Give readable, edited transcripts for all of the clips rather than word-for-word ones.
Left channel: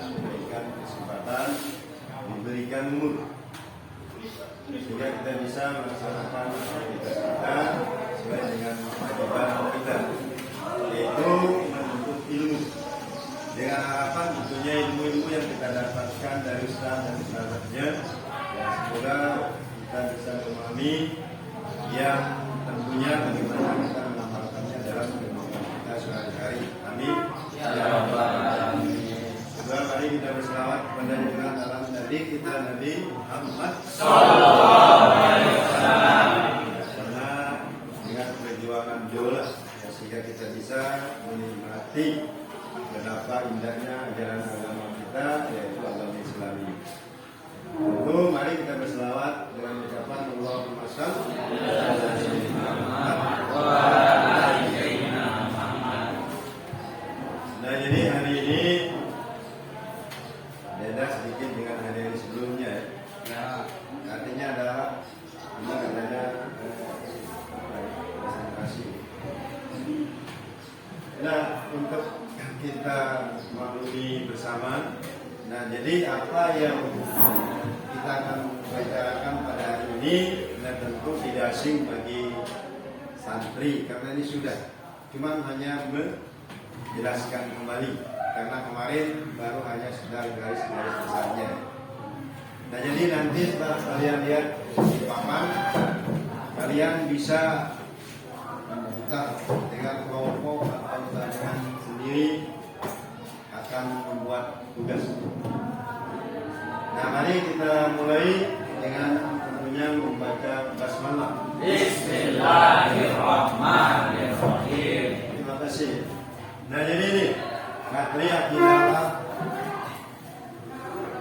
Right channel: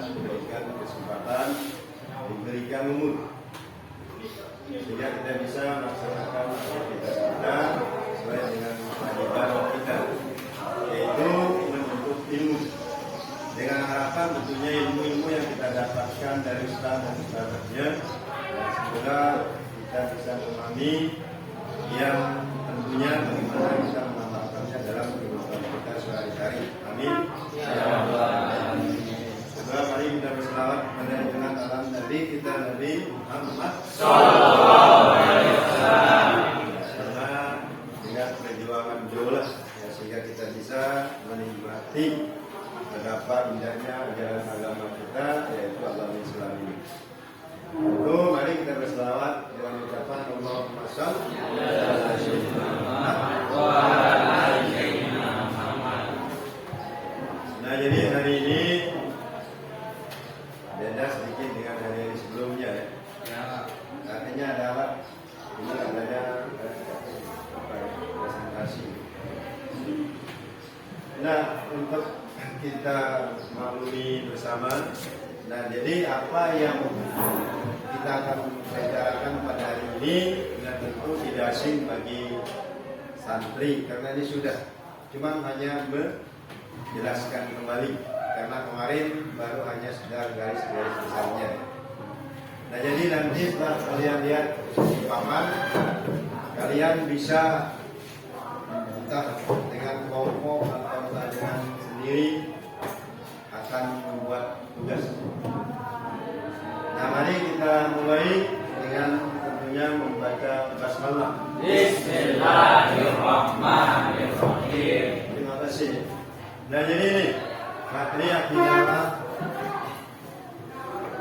diberikan kesempatan, diberikan umur, sehingga kita bisa melaksanakan aktivitas kita sesuai dengan kewajiban kita, yaitu menuntut ilmu. Dengan harapan tentunya ilmu-ilmu yang kita dapatkan dari Islam dan Islamnya, semoga kita bisa memahami yang tentunya bagaimana kita mengamalkannya dalam kehidupan kita sehari-hari. Amin. Ya Rabbal Alamin. Coba mari kita berselawat kepada junjungan alam Nabi kita, Nabi Muhammad Sallallahu Alaihi Wasallam. Karena dengan perjuangan jolas ya, sehingga kita bisa menikmati betapa indahnya ajaran agama kita, yaitu agama Islam ini. Tentu mari kita berselawat dengan ucapan Allahumma shalli ala sayyidina Muhammad wa ala ali sayyidina Muhammad. Nah, jadi hari ini beda sedikit dengan hari sebelumnya ya. Artinya adalah ini adanya presentasi. Nah, untuk kita maklumi bersama. Nah, jadi apa yang kita akan bicarakan pada hari ini, dan tentu tidak asing bagi santri karena ini sudah, cuma hanya menjelaskan kembali karena kemarin baru hanya sudah garis-garis besarnya. Nah, jadi nanti setelah kalian lihat di papan, kalian bisa entah dengan kelompok atau dengan sendiri akan membuat tugas. Nah, mari kita mulai dengan tentunya membaca basmalah. Bismillahirrahmanirrahim. Terima kasih. Nah, jadi ini materi akidah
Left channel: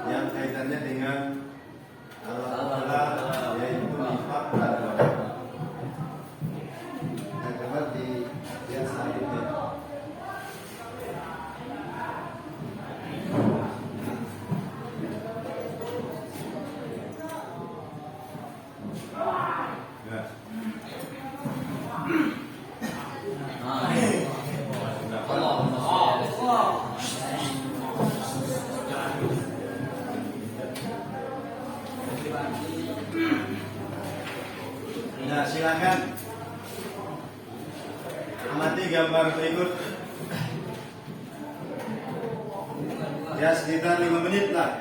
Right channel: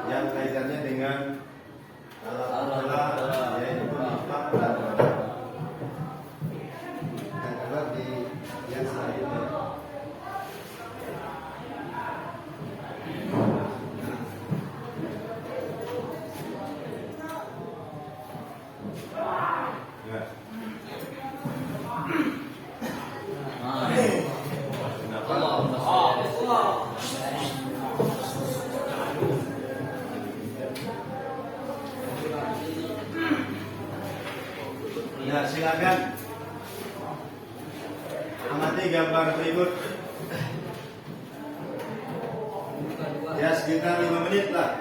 yang kaitannya dengan Allah, yaitu nifaq dan qadar. Yang dapat di yang selanjutnya. Nah, silakan amati gambar berikut. Ya, sekitar 5 menit lah.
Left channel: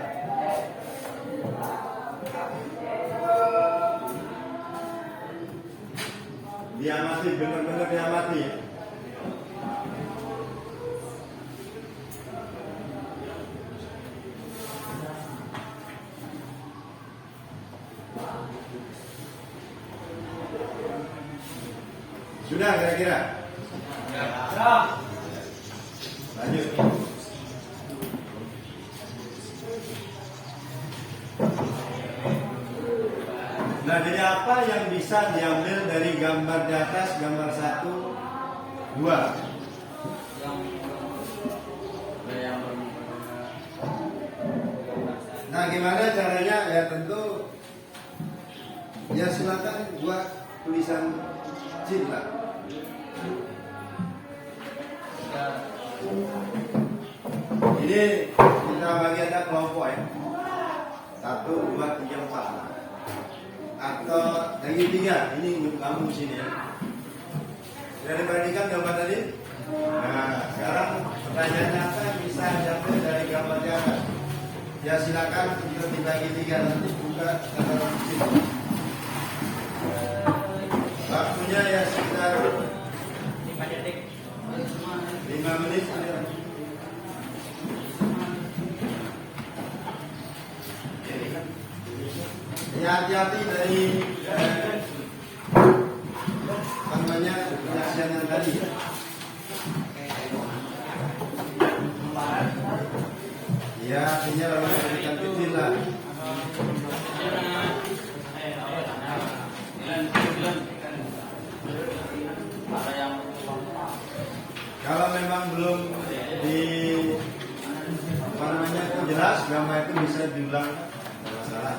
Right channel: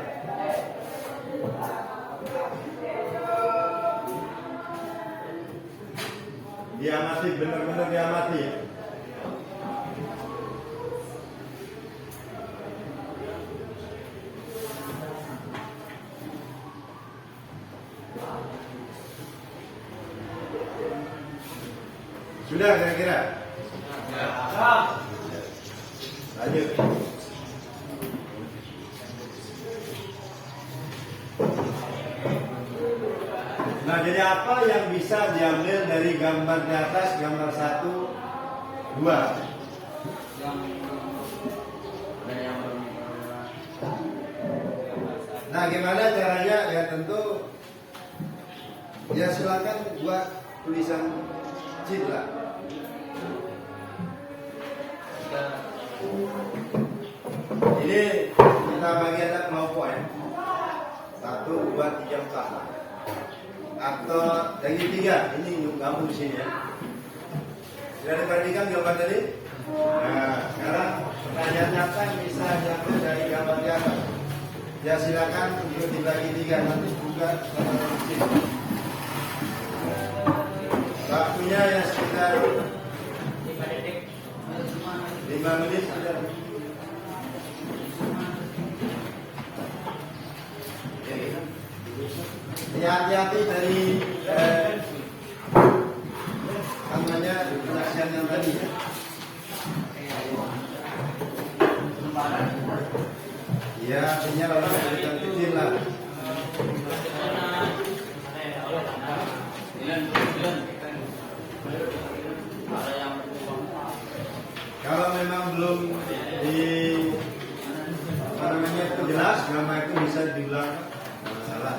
Diamati, benar-benar diamati. Sudah kira-kira? Lanjut. Nah, jadi apa yang bisa diambil dari gambar di atas, gambar 1, 2? Nah, gimana caranya? Ya tentu, ya silakan buat tulisan kecil lah. Ini kita bagi ada kelompok ya. 1, 2, 3, 4 lah. Atau yang 3, ini kamu di sini ya. Sudah diperhatikan gambar tadi? Nah, sekarang pertanyaan nyata yang bisa diambil dari gambar di atas. Ya silakan untuk dibagi 3 nanti juga secara kecil. Waktunya ya sekitar 5 menit sudah. Ya, hati-hati dari namanya penyaksian yang tadi ya. Ya, artinya memang berikan kecil lah. Kalau memang belum di jelas, gambar itu bisa diulang, tidak masalah.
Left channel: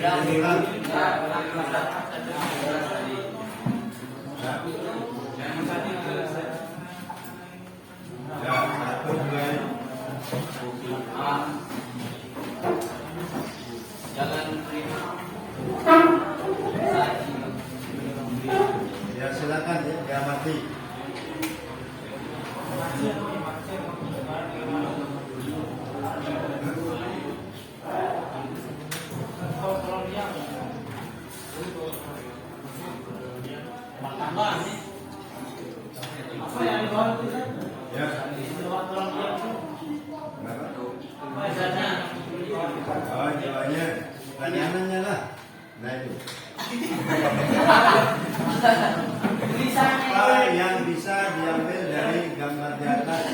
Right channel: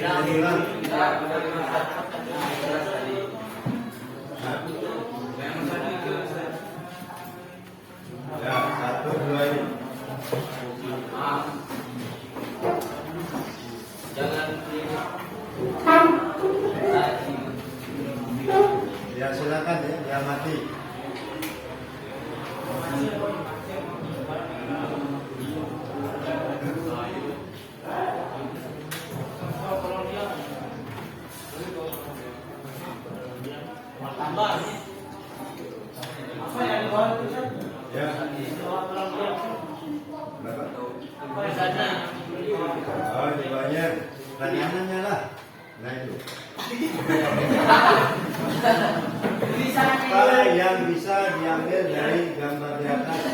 Diulang. Ya, 1, 2. Oh, jawabannya tangannya lah. Nah itu. Apa yang bisa diambil dari gambar di atas?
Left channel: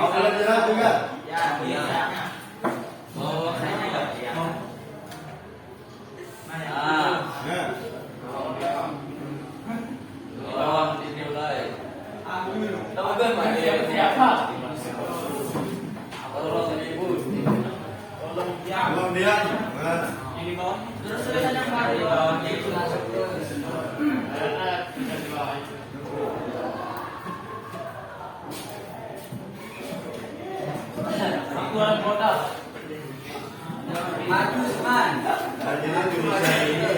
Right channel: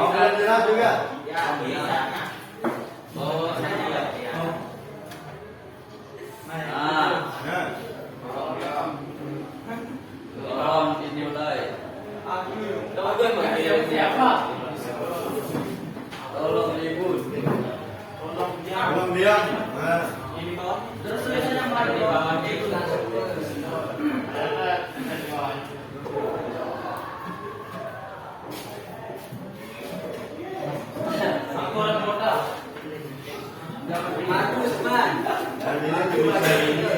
Oh, sudah jelas juga. Kemudian, terus tulisannya apa? dan ini tulisan ini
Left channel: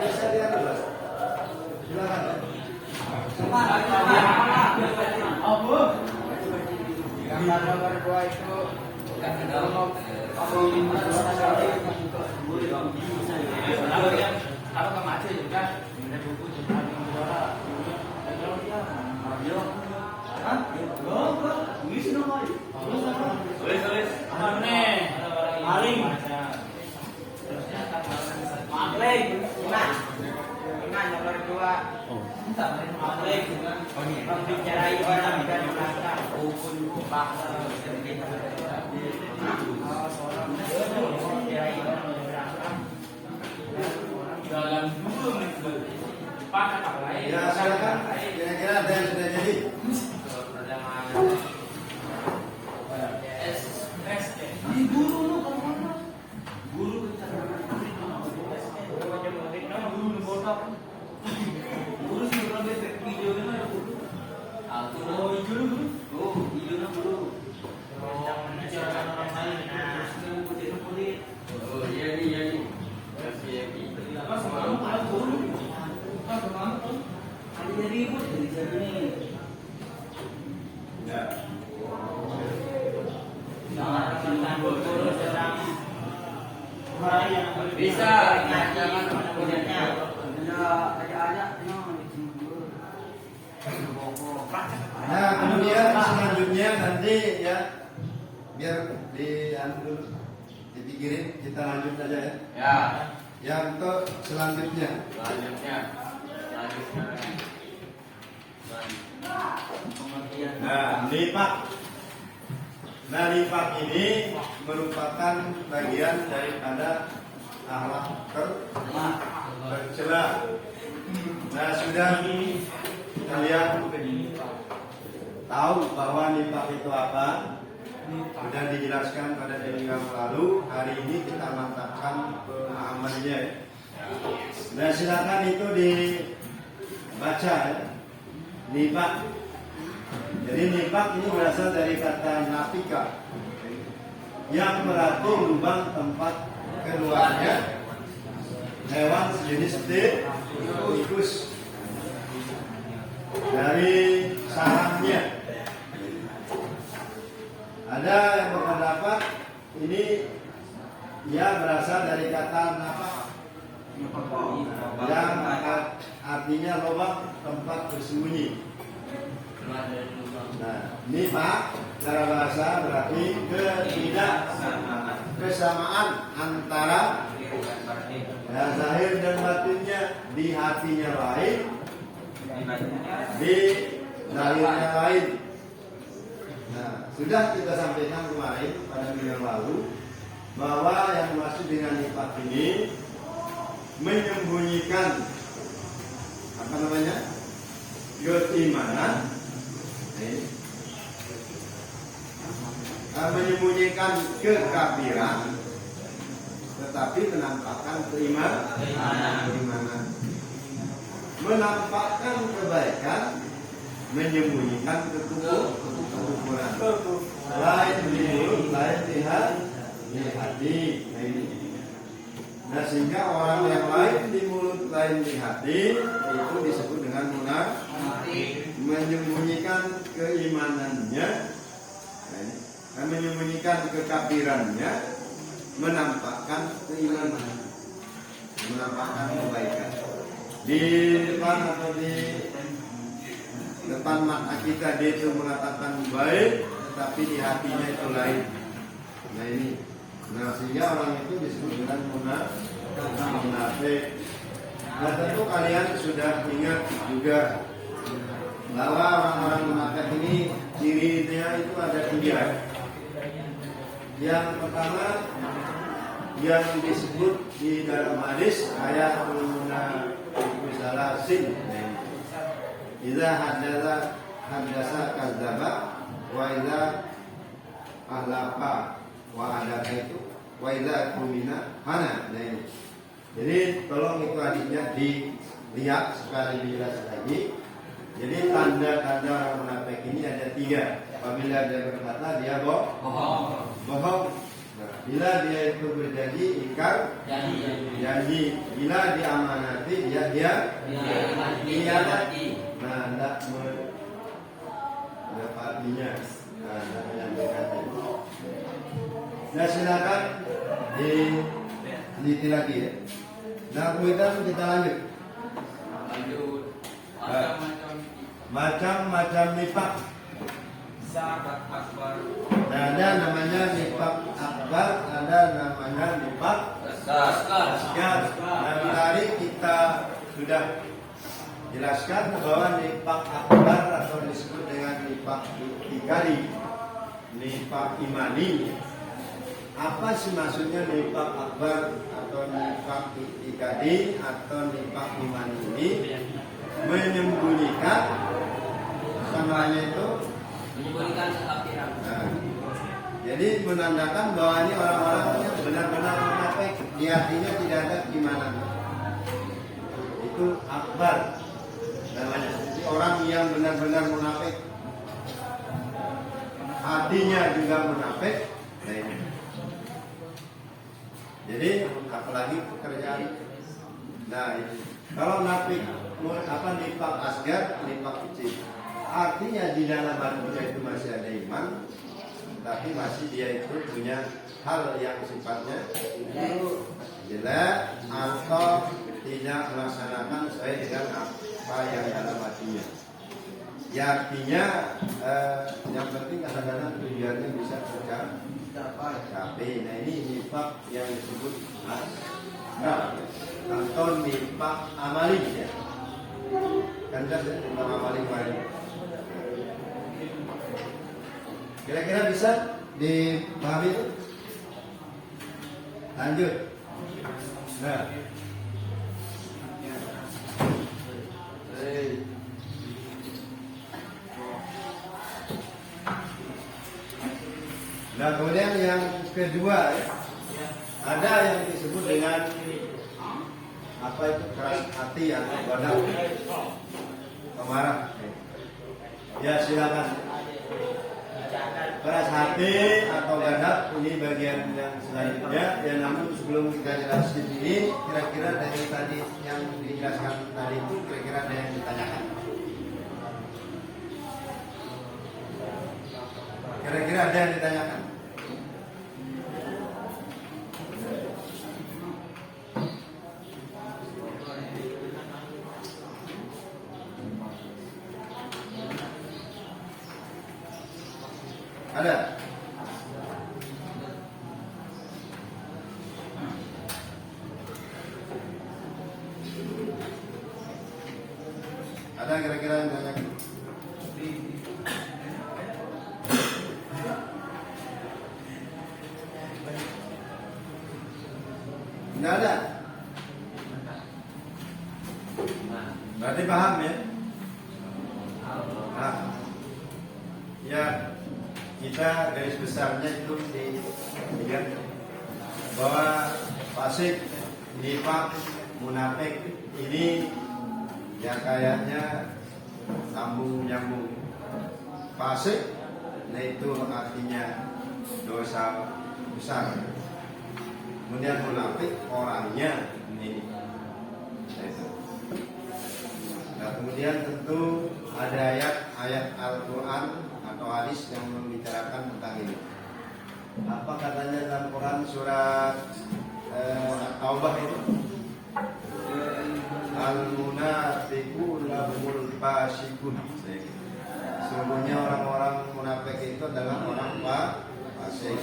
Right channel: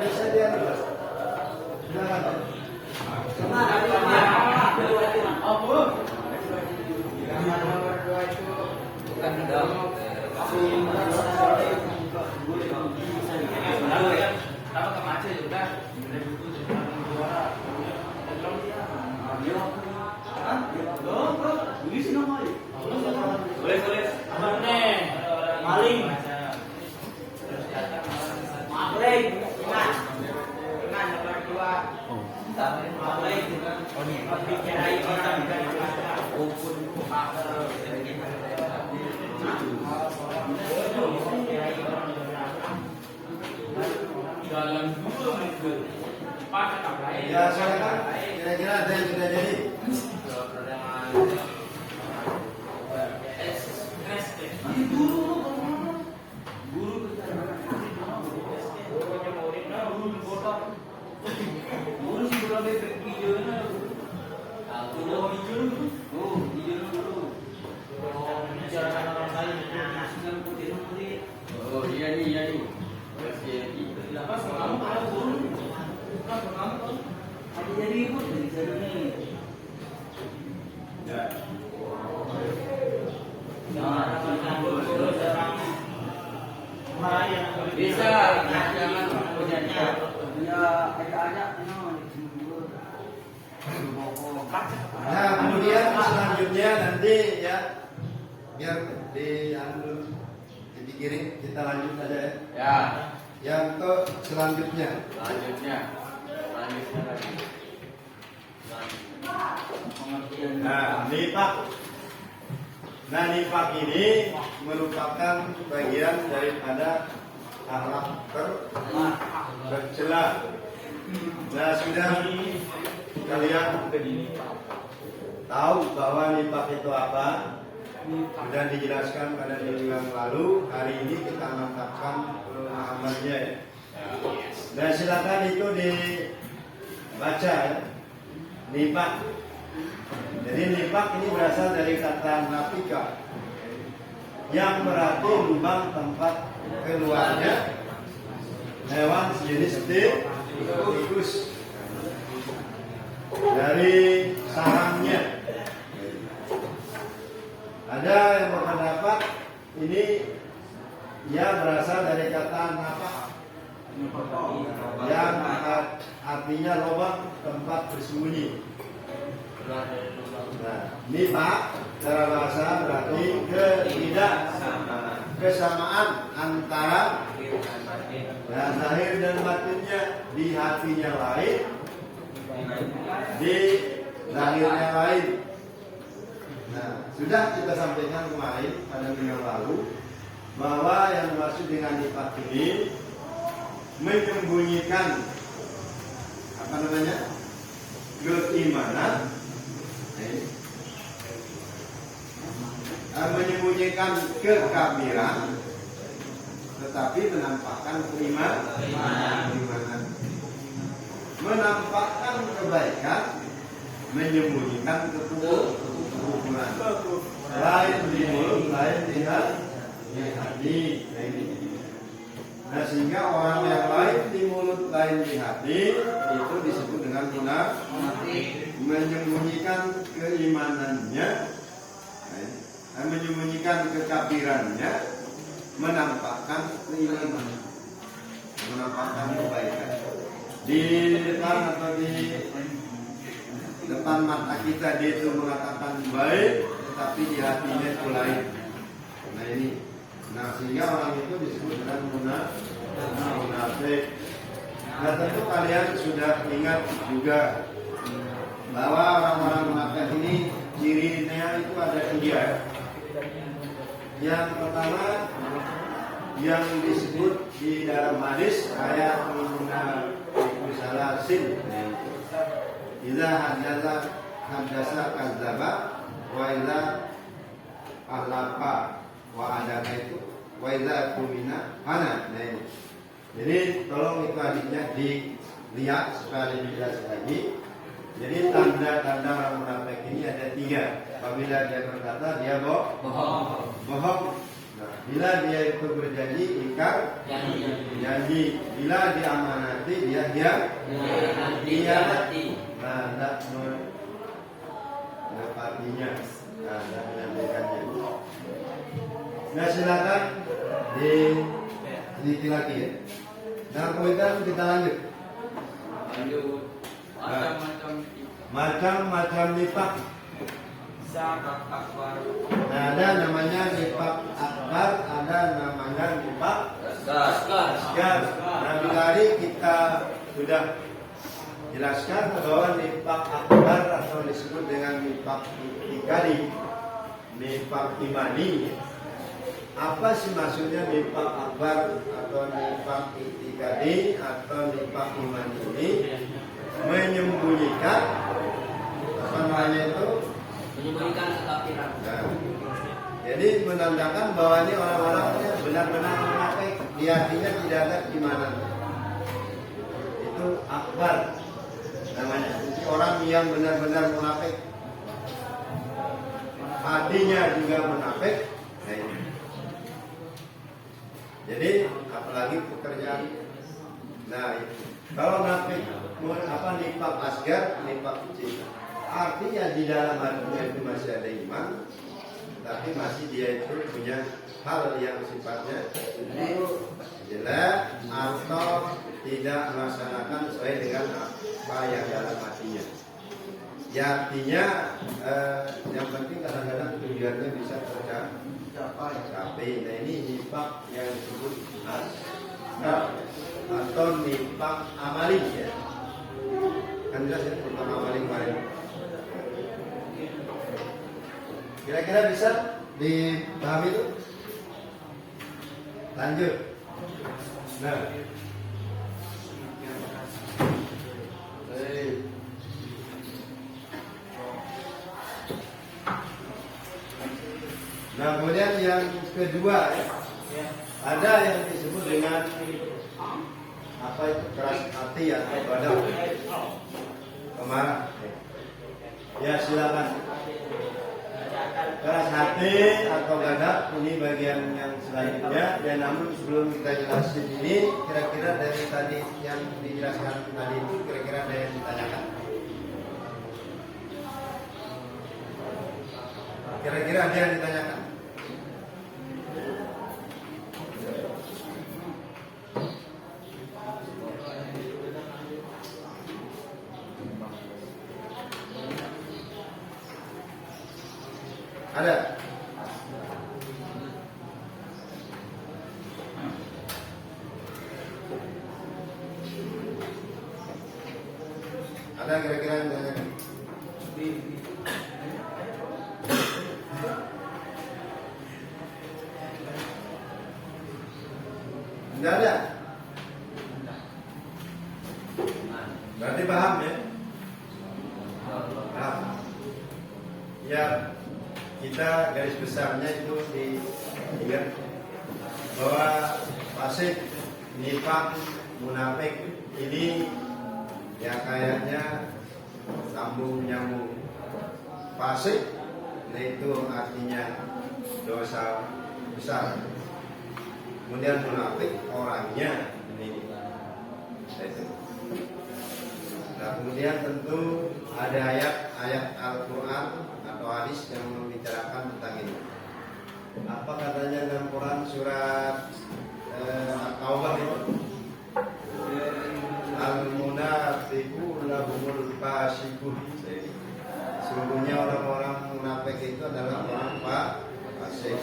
bisa dia jelas. Ya, silakan. Kira-kira ada yang sudah jadi? Bisa, Nah, kemudian selanjutnya nanti ya biar dipikirin, kita lanjut aja ya. ya. Ya, untuk selanjutnya. Nah, nipak. Nah, nipak ini merupakan bagian daripada akhlak tercela. Nah, sudah kalian tahu bahwa nipak itu apa? Sudah dijelaskan pada minggu yang lalu. Hari ini kita mantapkan pemahamannya. Dan silakan itu dibaca nipak. Jadi nipak ini berasal dari kata nafika, yang berarti lubang tempat keluarnya hewan sejenis tikus dari sarangnya. Ada yang berpendapat ini ia berasal dari kata nafak, yang artinya lubang tempat bersembunyi. Nah, nipak secara bahasa berarti ketidaksamaan antara zahir dan batinnya, di hatinya lain, di zahirnya lain. Nah, sudah kita sampaikan kemarin pada minggu yang lalu bahwa yang dimaksud dengan nipak ini menyembunyikan keimanan, menyembunyikan kekafiran, tetapi menampakkan keimanan, menampakkan kebaikan, menyembunyikan kekufuran. Lain di mulut, lain di hati. Nah, sehingga orang yang lain di mulut, lain di hati itu disebut dengan munafik, menyembunyikan keimanannya Menyembunyikan kekafirannya, menampakkan keimanan, menampakkan kebaikan. Di depan atau di depan mata kita dia itu mengatakan baik, tetapi di hatinya itu lain. Nah ini, sehingga orang itu disebut dengan munafik. Nah tentu kalian sudah ingat juga bahwa orang-orang munafik ini cirinya itu ada 3. Yang pertama yang disebut di dalam hadis ayat munafiqun salasin. Idza haddasa kadzdzaba wa idza ahlafa wa adaka itu wa idza kumina hana. Nah ini. Jadi tolong itu hadisnya dilihat supaya lebih jelas lagi. Jadi tanda-tanda orang munafik ini ada 3. Apabila dia berkata dia bohong. Nah, bila dia itu berjanji ingkar janji. Bila diamanati dia hianati. Nah, tidak menepatinya. Nah, tidak menyampaikannya. Nah, silakan diteliti lagi ya. Nah, kemudian kita lanjut. Macam-macam nifak. Nah, ada namanya nifak akbar, ada namanya nifak asgar. Nah, tadi kita sudah jelaskan bahwa nifak akbar atau disebut dengan nifak itikadi, nifak imani. Apa sih maksudnya nifak akbar atau nifak itikadi atau nifak imani ini? Menyembunyikan namanya itu menyembunyikan kekafiran. Nah, jadi menandakan bahwa ini orang-orangnya benar-benar munafik, di hatinya tidak ada keimanan. Itu akbar namanya. Jadi orang yang benar-benar munafik, hatinya juga munafik. Nah ini. Jadi apalagi pekerjaan. Nah itu. Kalau munafik nifak asgar, nifak kecil. Artinya di dalam hatinya itu masih ada iman, tapi masih dia itu punya hal yang sifatnya itu jelek atau tidak melaksanakan sesuai dengan apa yang dalam hatinya. Ya artinya yang penting kadang-kadang tujuannya bisa tercapai. Nah ini nifak yang disebut asgar atau nifak amali ya. Kan jelas ya, nifak amali kemarin. Kira-kira bisa dipahami itu? Lanjut. Nah, kemudian yang kedua ya, ada yang disebut dengan apa itu keras hati atau badak pemarah. Ya silakan. Keras hati atau gadap ini bagian yang selanjutnya. Dan namun sebelum kita jelasin ini, kira-kira dari tadi yang dijelaskan tadi itu kira-kira ada yang ditanyakan. Kira-kira ada yang ditanyakan. Ada? Ada kira-kira yang banyak? Tidak ada? Berarti paham ya? Nah, ya kita garis besarnya itu diingat bahwa fasik, nifak, munafik ini ya kayaknya sambung nyambung. Fasik, nah itu artinya dosa besar. Kemudian munafik orangnya ini. Itu. Nah kemudian tentu ada ayat-ayat Al-Quran atau hadis yang membicarakan tentang ini. Apa katanya dalam Quran surat Taubah itu? Al-munafiqu lahumul fasiqun. Sesungguhnya orang-orang munafik itu adalah orang fasik.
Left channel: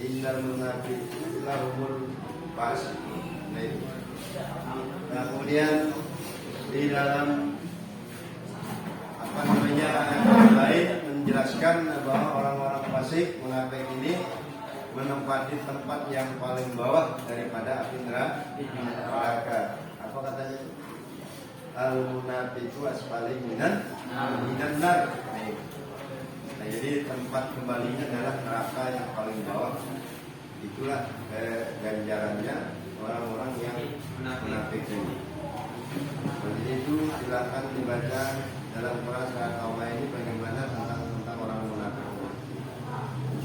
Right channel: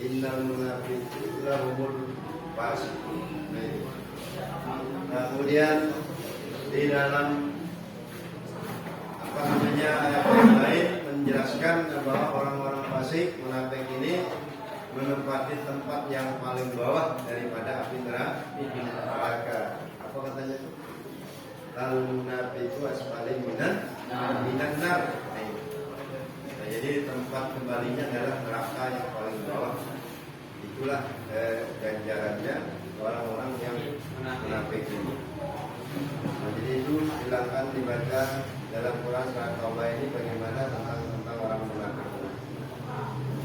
Innal munafiqu lahumul fasiqun. Nah, kemudian di dalam ada poin lain menjelaskan bahwa orang-orang fasik munafik ini menempati tempat yang paling bawah daripada api neraka. Apa katanya itu? Al-munafiqu asfali minan nar. Nah, jadi tempat kembalinya adalah neraka yang paling bawah. Itulah ganjarannya orang-orang yang munafik ini. Nah, jadi itu silakan dibaca dalam Quran surat Taubah ini bagaimana tentang orang munafik.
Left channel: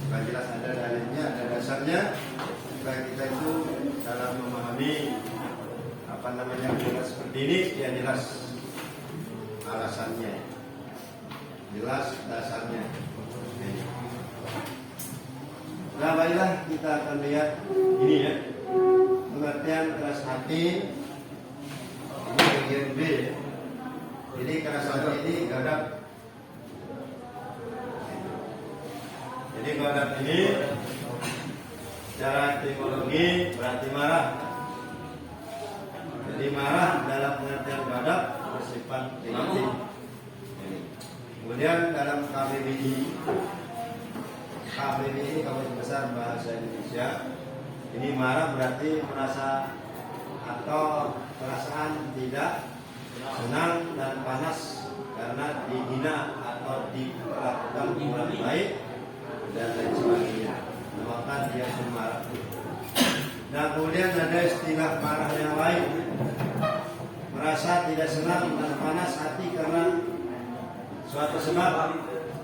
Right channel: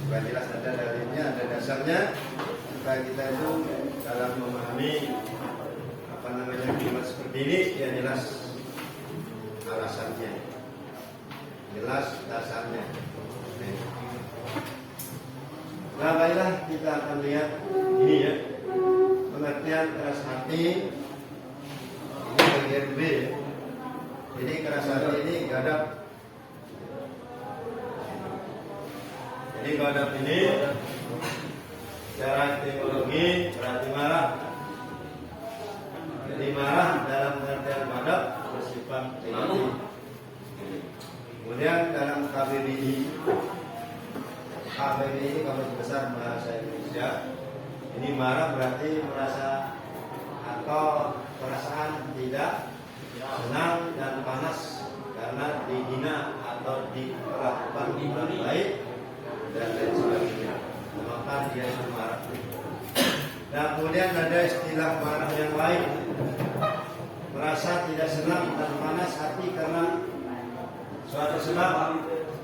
Supaya jelas ada dalilnya, ada dasarnya. Supaya kita itu dalam memahami kalimat seperti ini ya jelas alasannya, jelas dasarnya. Nah, baiklah kita akan lihat ini ya, pengertian keras hati. Ini bagian B ya. Jadi keras hati ini gadap. Jadi gadap ini secara etimologi berarti marah. Jadi marah dalam pengertian gadap bersifat negatif. Kemudian dalam KBBI ini Kamus Besar Bahasa Indonesia, ini marah berarti merasa atau perasaan tidak senang dan panas karena dihina atau diperlakukan kurang baik dan lain sebagainya, maka dia marah. Dan kemudian ada istilah marah yang lain, merasa tidak senang dan panas hati karena suatu sebab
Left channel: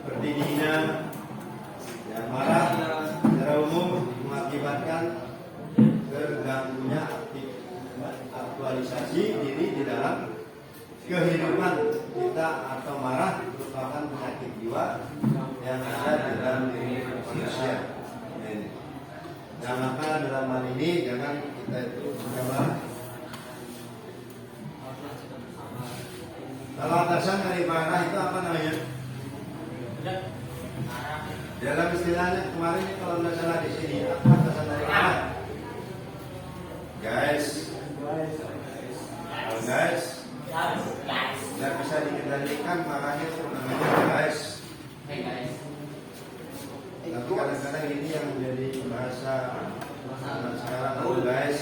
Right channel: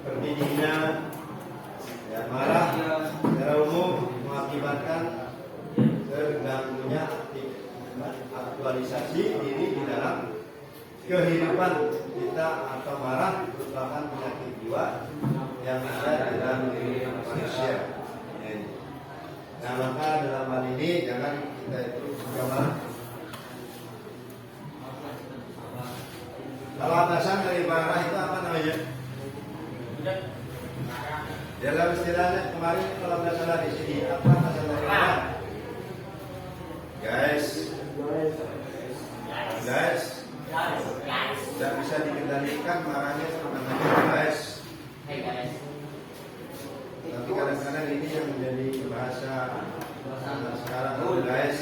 seperti dihina. Ya, marah secara umum mengakibatkan terganggunya aktualisasi diri di dalam kehidupan kita, atau marah merupakan penyakit jiwa yang ada di dalam diri manusia. Nah, maka dalam hal ini jangan kita itu suka marah. Kalau atasan dari marah itu apa namanya? Dalam istilahnya kemarin kalau nggak salah di sini apa atasan dari marah? Guys, tidak bisa dikendalikan marahnya itu namanya guys. Tapi kadang-kadang ini yang menjadi bahasa sekarang guys.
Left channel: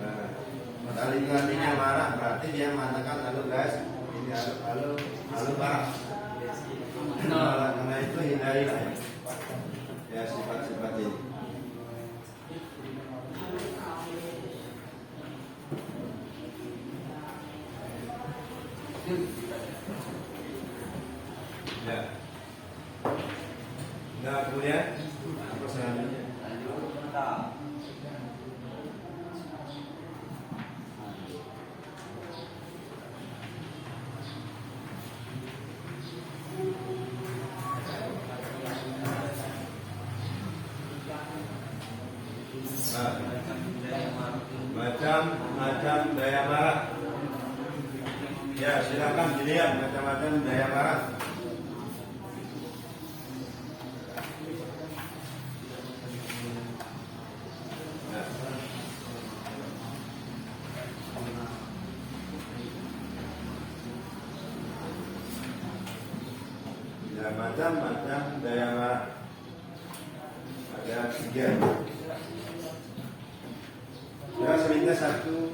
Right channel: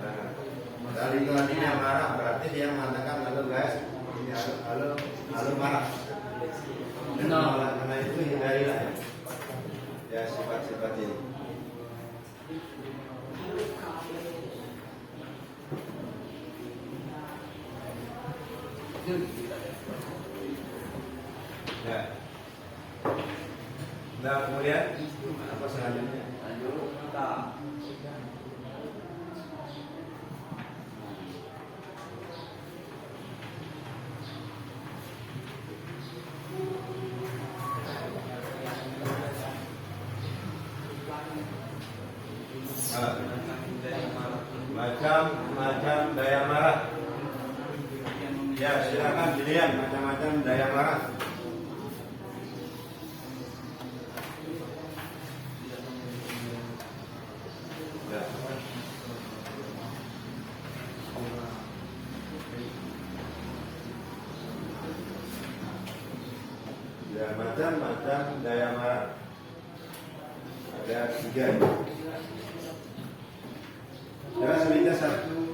Nah, dari artinya marah berarti dia mengatakan halo guys, ini halo marah. Karena itu hindarilah ya sifat-sifat ini. Ya. Nah, kemudian apa selanjutnya? Macam-macam daya marah. Ya, silakan dilihat macam-macam daya marah. Ya, macam-macam daya marah. Ada 3. Cara selintas satu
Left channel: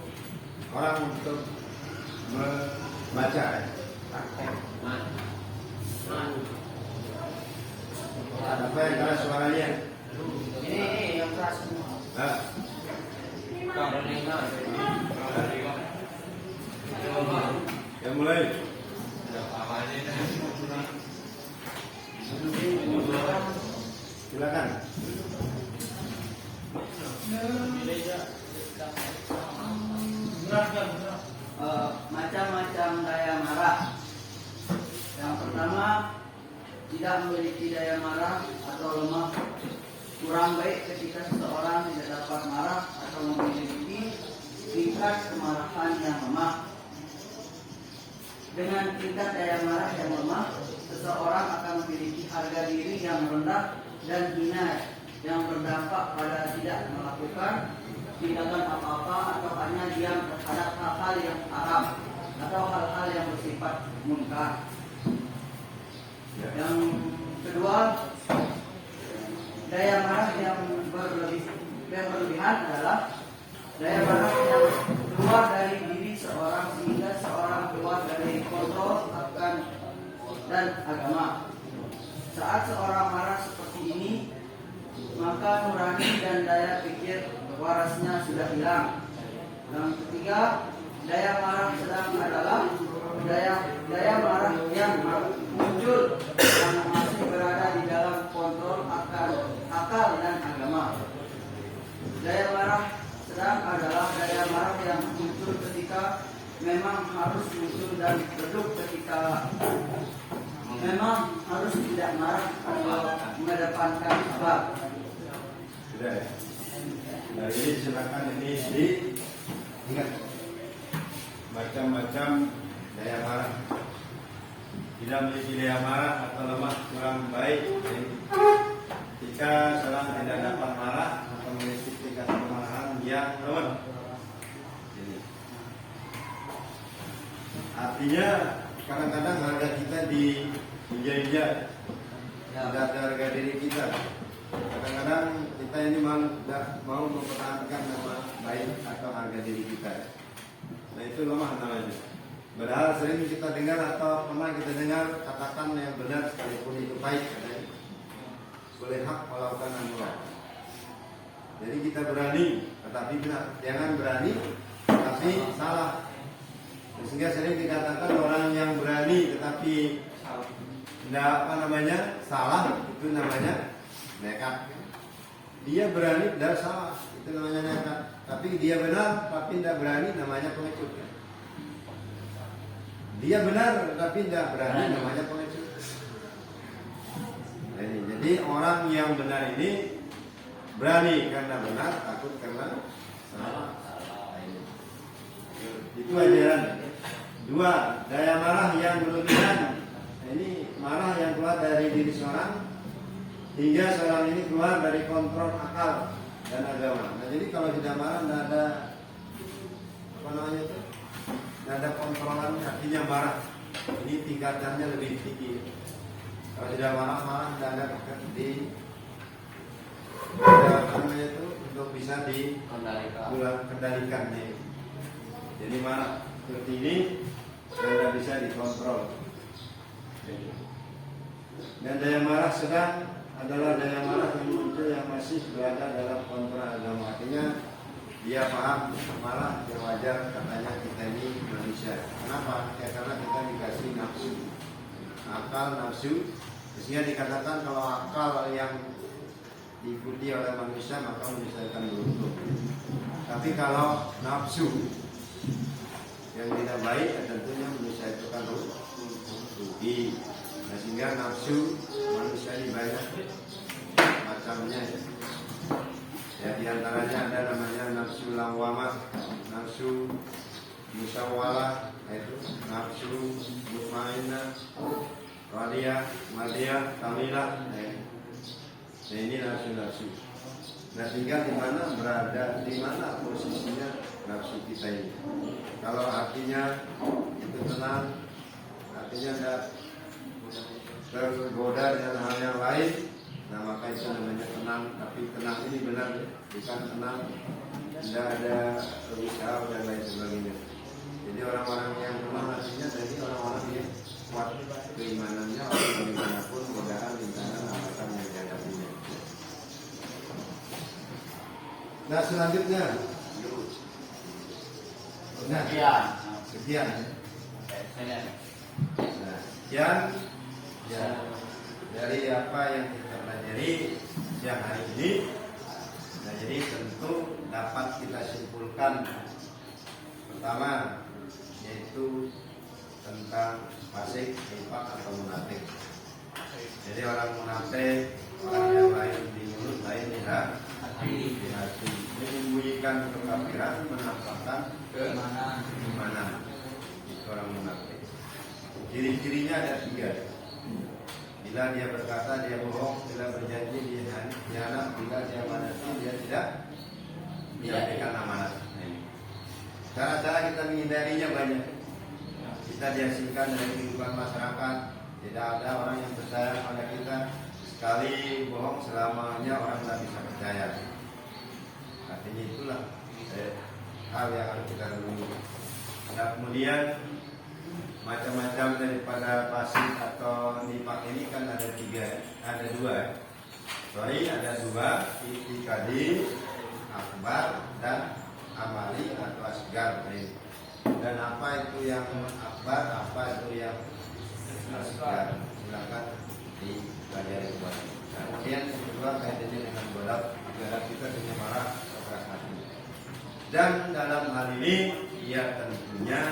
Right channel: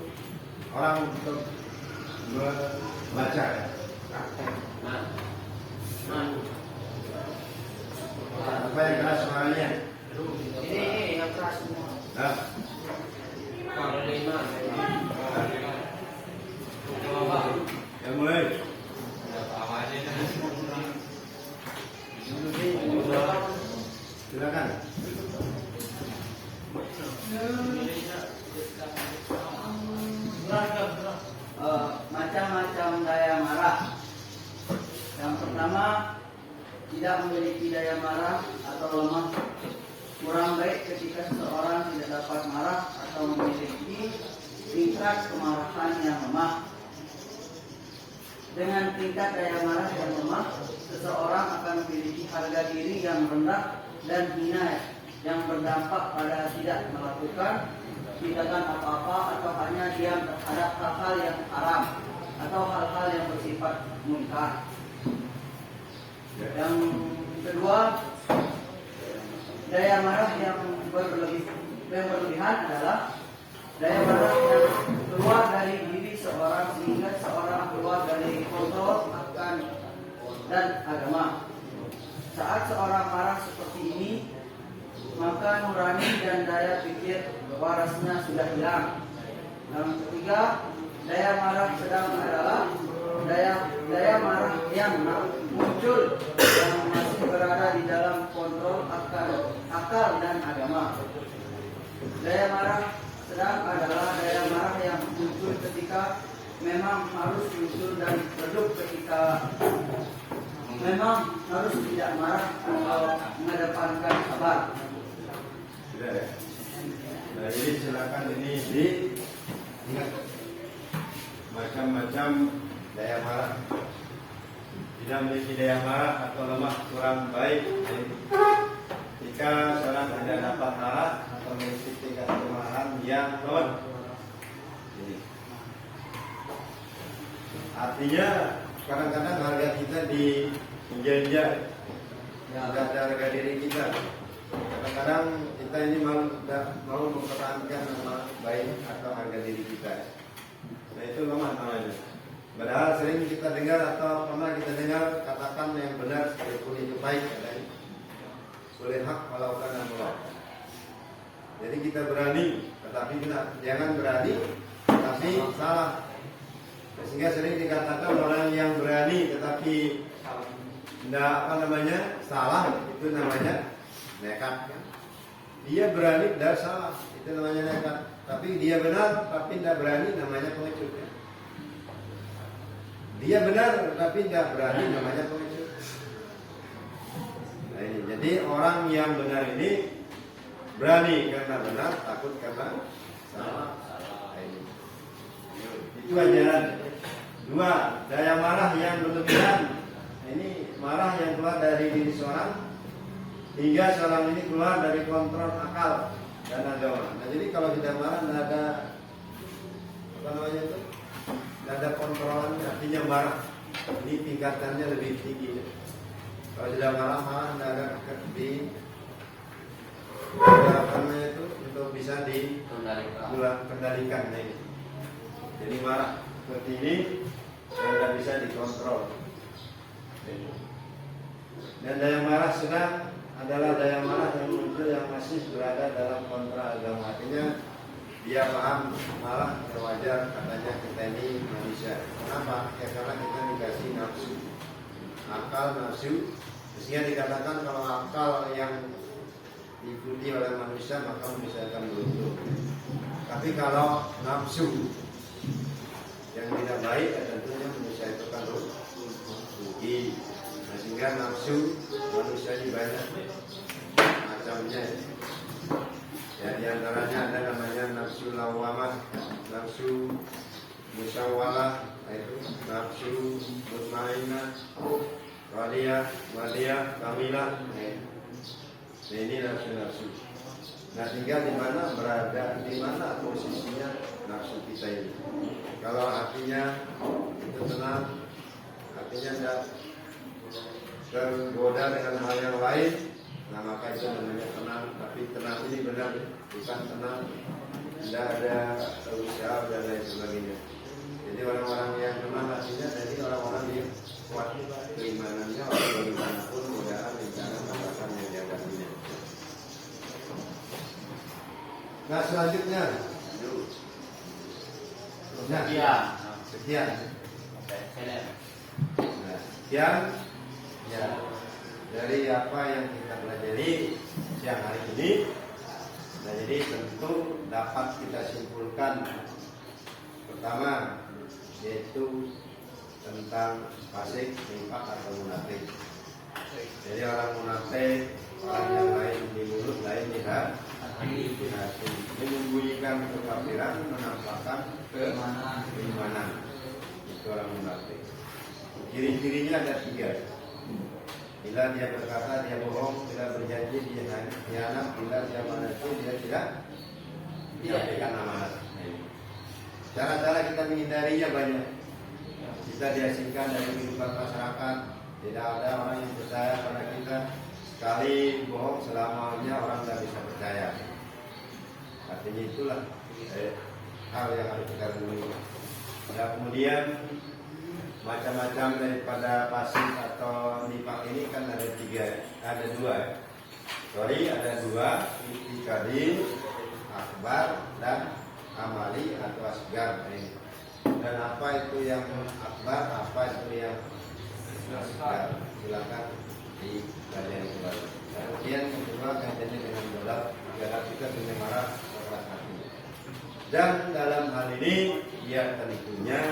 orang untuk membaca. Apa yang keras suaranya? Ini yang keras semua. Yang mulai. Silakan. Macam-macam daya marah. Yang pertama, tidak memiliki daya marah atau lemah. Kurang baik ketika seseorang tidak dapat marah atau memiliki tingkat kemarahan yang lemah. Dengan tingkat daya marah yang lemah, seseorang akan memiliki harga diri yang rendah dan hina yang berdampak pada tidak melakukan tindakan apa-apa atau hanya diam terhadap hal-hal yang haram atau hal-hal yang bersifat munkar. Yang kedua, daya marah yang berlebihan adalah daya marah yang keluar dari diri seorang sehingga seorang keluar dari kontrol akan dan agama. Saat seorang marah seperti ini, maka nurani dan daya pikir warasnya sudah hilang. Yang ketiga, daya marah sedang adalah daya marah yang muncul yang masih berada di dalam kontrol akal dan agama. Daya marah sedang adalah daya marah yang muncul ketika memang harus muncul dan redup ketika memang harus tidak marah atau mengedepankan sabar. Sudah ya. Nah ini silakan ini diingat macam-macam daya marah. Tidak memiliki daya marah atau lemah, kurang baik jika seorang tidak dapat marah atau memiliki tingkat kemarahan yang lemah. Ini. Artinya kadang-kadang harga kita diinjak-injak, tidak ada harga diri kita. Kadang-kadang kita ini mau mempertahankan nama baik atau harga diri kita. Nah itu lemah namanya. Padahal sering kita dengar atau pernah kita dengar katakan yang benar sekalipun itu baik katanya. Boleh hak melakukan dan melakukan. Jadi kita berani, tetapi jangan berani, tapi salah. Sehingga sering dikatakan orang yang berani tetapi tidak salah, itu namanya nekat. Dia berani tidak salah, itu namanya nekat. Tapi dia benar tapi tidak berani, namanya pengecut. Dia benar tapi tidak berani, namanya pengecut. Nah, ini. Jadi orang yang benar ini berani karena benar, takut karena salah. Nah, ini. Itu ajaran. Dua, daya marah yang berlebihan. Ini marah yang keluar dari diri seorang hingga seorang ini keluar dari kontrol akal dan agama. Nah jadi kalau tidak marah tidak ada itu, tidak ada kontrolan, artinya marah. Ini tingkatannya lebih tinggi. Kalau tidak marah tidak ada di itu untuk bisa dikendalikan. Jadi marah seperti ini tidak bisa dikontrol. Dan daya marah sedang adalah daya marah yang muncul yang masih berada dalam kontra agama. Artinya dia paham marah wajar, katanya kita ini manusia. Kenapa? Ya, karena kita dikasih nafsu, akal nafsu. Sehingga dikatakan kalau akal yang diikuti oleh manusia maka menyelesaikan runtuh. Tapi kalau nafsu yang tidak baik tentunya menyelesaikan rugi. Nah, sehingga nafsu manusia ini banyak macamnya. Ya, di antaranya ada namanya nafsu lawamah, nafsu musyawalah, yaitu nafsu mutmainah, wadiyah, kamilah. Nah ini nafsu. Nah sehingga di mana posisinya nafsu kita ini. Kalau artinya itu tenang, artinya tidak tergoda dengan hal yang lain, nah maka itu namanya tenang. Tapi tenang ini benar, bukan tenang tidak ada usaha dan lain sebagainya. Jadi orang-orang yang tenang artinya tadi orang-orang yang kuat keimanannya, orang bagaimanapun godaan, rintangan, hambatan yang dihadapinya. Nah selanjutnya, sekian. Nah, sekian ya, dari apa yang kita pelajari siang hari ini. Nah, jadi tentu dapat kita simpulkan pertama yaitu tentang fasik, nifaq atau munafik. Jadi orang munafik, orang yang lain di mulut, lain di hati. Menyembunyikan kekafiran, menampakkan keimanan. Itu orang munafik. Ciri-cirinya ada 3. Bila dia berkata dia bohong, bila berjanji dia hianat, bila dia manati dia tidak menjalankan amanat. Cara-cara kita menghindarinya banyak. Kita diasingkan dari kehidupan masyarakat. Tidak ada orang yang percaya pada kita. Sekali bohong selamanya orang tidak bisa percaya. Artinya itulah hal yang harus kita renungi. Nah, kemudian macam-macam daripada pasif atau nifak ini kan ada 2. Ada 2, itikadi akbar dan amali atau asgar. Dan apa itu yang akbar, apa itu yang asgar? Silakan dipelajari kembali. Kemudian kedua kaitannya dengan golak, agar kita punya marah keras hati. Dan dalam hal ini ya tentunya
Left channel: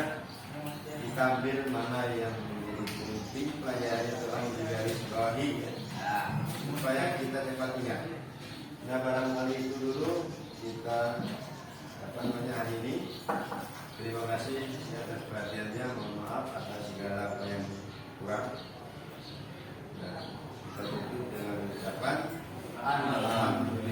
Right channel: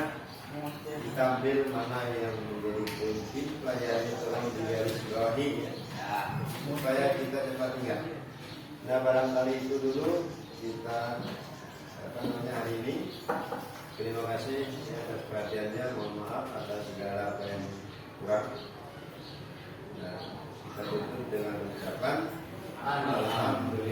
kita ambil mana yang menjadi kunci pelajarannya tolong digarisbawahi ya, supaya kita cepat ingat. Nah barangkali itu dulu kita hari ini. Terima kasih atas perhatiannya. Mohon maaf atas segala apa yang kurang. Nah, kita tutup dengan ucapan alhamdulillah.